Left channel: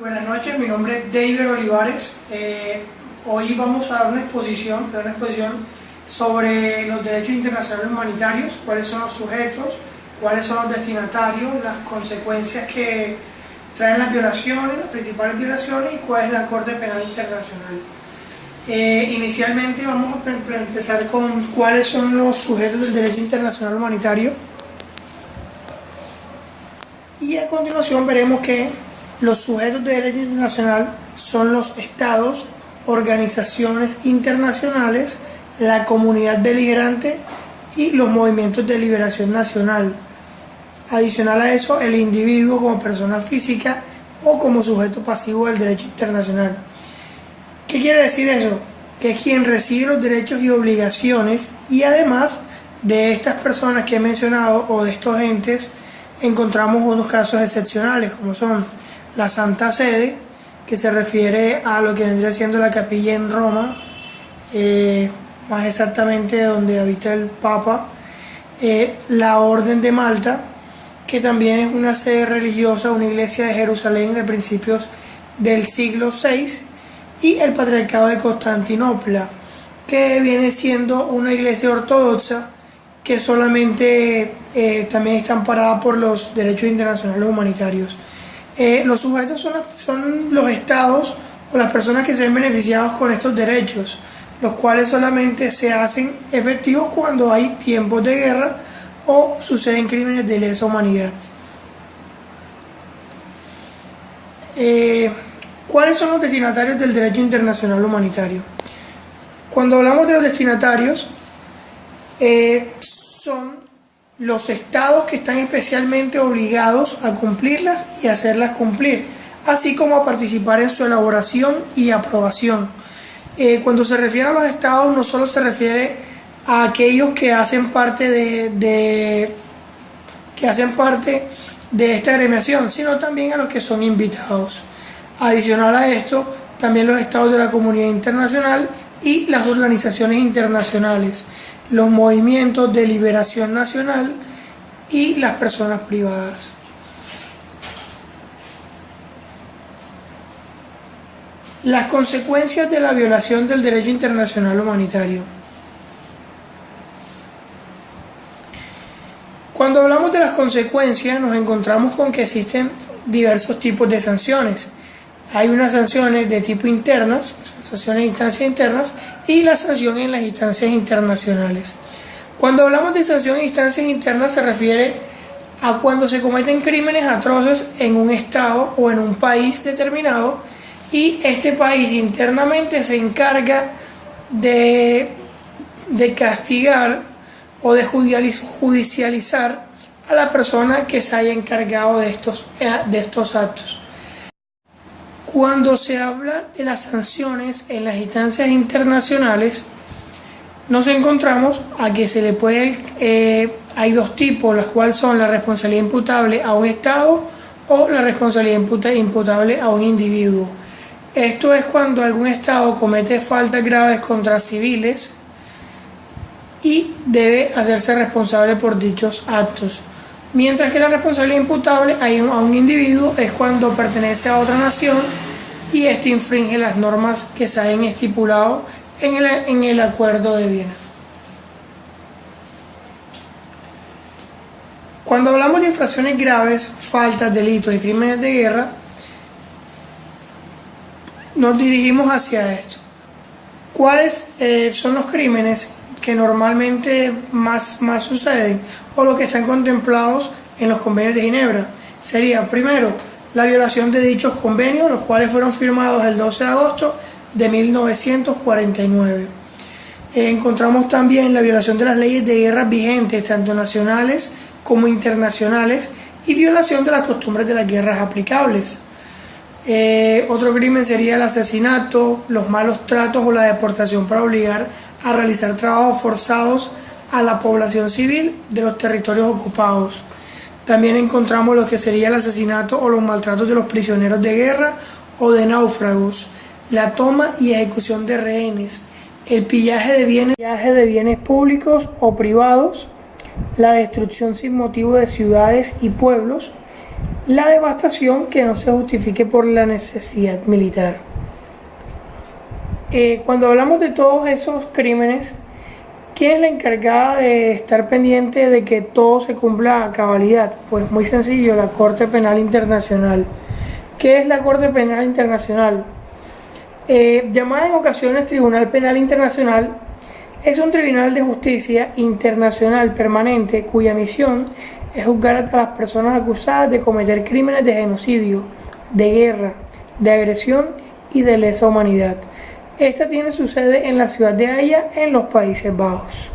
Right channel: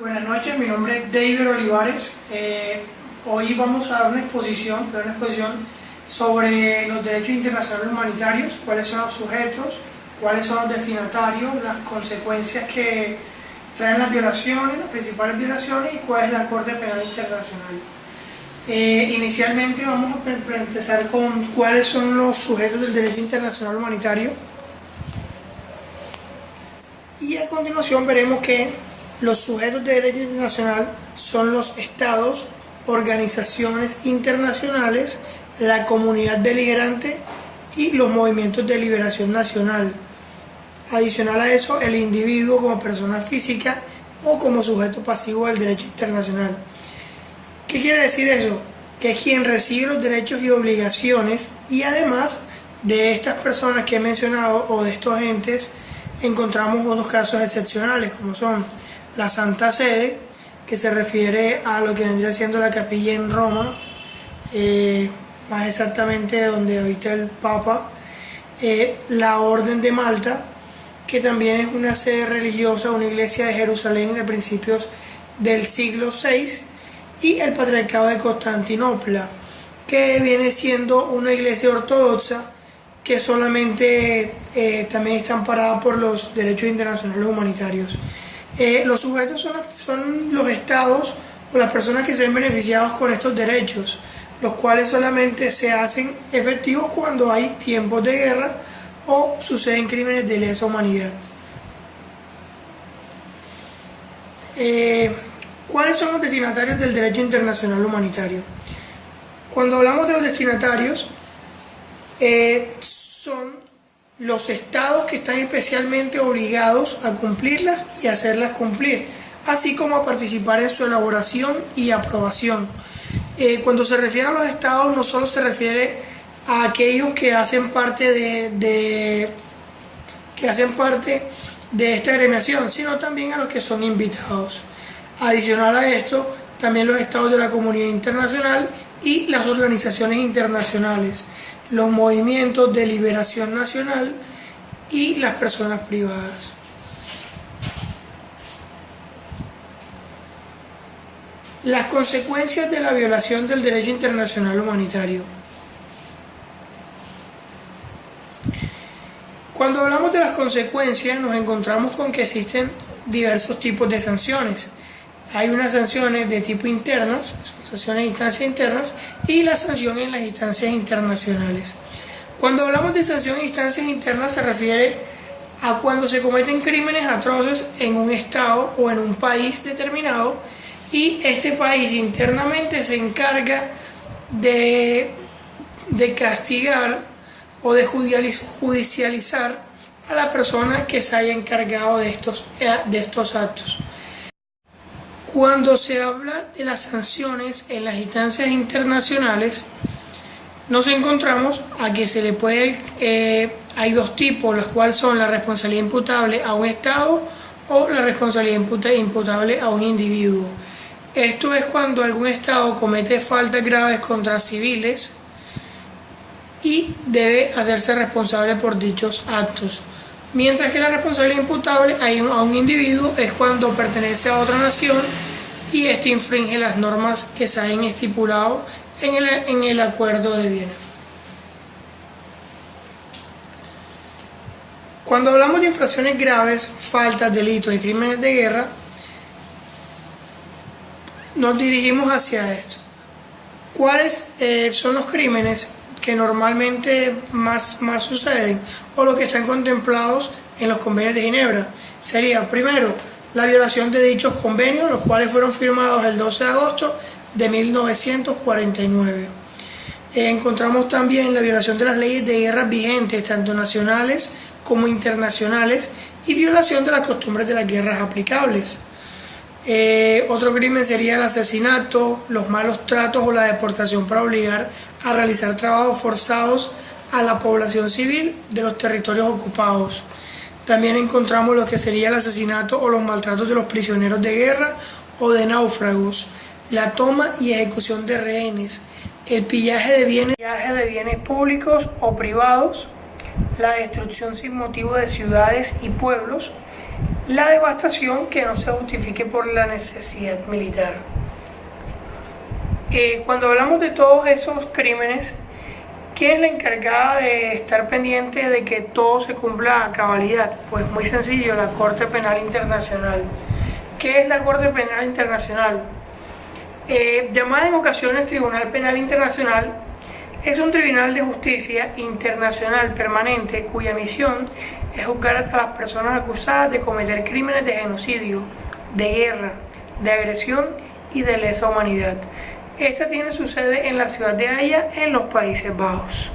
Buenas noches, mi nombre es David Olivares. Hoy vamos a dar una exposición sobre los derechos internacionales humanitarios, cuáles son los sujetos, cuáles son los destinatarios, las consecuencias que traen las violaciones, las principales violaciones y cuál es la Corte Penal Internacional. Inicialmente vamos a empezar con cuáles son los sujetos del derecho internacional humanitario y a continuación veremos que los sujetos de derecho internacional son los estados, organizaciones internacionales, la comunidad beligerante y los movimientos de liberación nacional. Adicional a eso, el individuo como persona física o como sujeto pasivo del derecho internacional. ¿Qué quiere decir eso? Que es quien recibe los derechos y obligaciones, y además de estas personas que he mencionado o de estos entes, encontramos unos casos excepcionales como son la Santa Sede, que se refiere a lo que vendría siendo la capilla en Roma, más exactamente donde habita el Papa, la Orden de Malta, que también es una sede religiosa, una iglesia de Jerusalén de principios del siglo VI, y el Patriarcado de Constantinopla, que viene siendo una iglesia ortodoxa que solamente también está amparada por los derechos internacionales humanitarios. Los sujetos son los estados o las personas que se ven beneficiados con estos derechos, los cuales solamente se hacen efectivos cuando hay tiempos de guerra o suceden crímenes de lesa humanidad. ¿Cuáles son los destinatarios del derecho internacional humanitario? Cuando hablamos de los destinatarios, son los estados que están especialmente obligados a cumplirlas y hacerlas cumplir, así como a participar en su elaboración y aprobación. Cuando se refiere a los estados, no solo se refiere a aquellos que hacen parte de esta agremiación, sino también a los que son invitados. Adicional a esto, también los estados de la comunidad internacional y las organizaciones internacionales, los movimientos de liberación nacional y las personas privadas. Las consecuencias de la violación del derecho internacional humanitario. Cuando hablamos de las consecuencias, nos encontramos con que existen diversos tipos de sanciones. Hay unas sanciones de tipo internas, sanciones de instancias internas, y la sanción en las instancias internacionales. Cuando hablamos de sanción en instancias internas se refiere a cuando se cometen crímenes atroces en un estado o en un país determinado y este país internamente se encarga de castigar o de judicializar a la persona que se haya encargado de estos actos. Cuando se habla de las sanciones en las instancias internacionales, nos encontramos a que se le puede, hay dos tipos, los cuales son la responsabilidad imputable a un Estado o la responsabilidad imputable a un individuo. Esto es cuando algún Estado comete faltas graves contra civiles y debe hacerse responsable por dichos actos. Mientras que la responsabilidad imputable a un individuo es cuando pertenece a otra nación y éste infringe las normas que se hayan estipulado en el Acuerdo de Viena. Cuando hablamos de infracciones graves, faltas, delitos y crímenes de guerra, nos dirigimos hacia esto. ¿Cuáles son los crímenes que normalmente más suceden o los que están contemplados en los convenios de Ginebra? Sería, primero, la violación de dichos convenios, los cuales fueron firmados el 12 de agosto de 1949. Encontramos también la violación de las leyes de guerra vigentes, tanto nacionales como internacionales, y violación de las costumbres de las guerras aplicables. Otro crimen sería el asesinato, los malos tratos o la deportación para obligar a realizar trabajos forzados a la población civil de los territorios ocupados. También encontramos lo que sería el asesinato o los maltratos de los prisioneros de guerra o de náufragos, la toma y ejecución de rehenes, el pillaje de bienes públicos o privados, la destrucción sin motivo de ciudades y pueblos, la devastación que no se justifique por la necesidad militar. Cuando hablamos de todos esos crímenes, ¿quién es la encargada de estar pendiente de que todo se cumpla a cabalidad? Pues muy sencillo, la Corte Penal Internacional. ¿Qué es la Corte Penal Internacional? Llamada en ocasiones Tribunal Penal Internacional, es un tribunal de justicia internacional permanente cuya misión es juzgar a las personas acusadas de cometer crímenes de genocidio, de guerra, de agresión y de lesa humanidad. Esta tiene su sede en la ciudad de Haia, en los Países Bajos.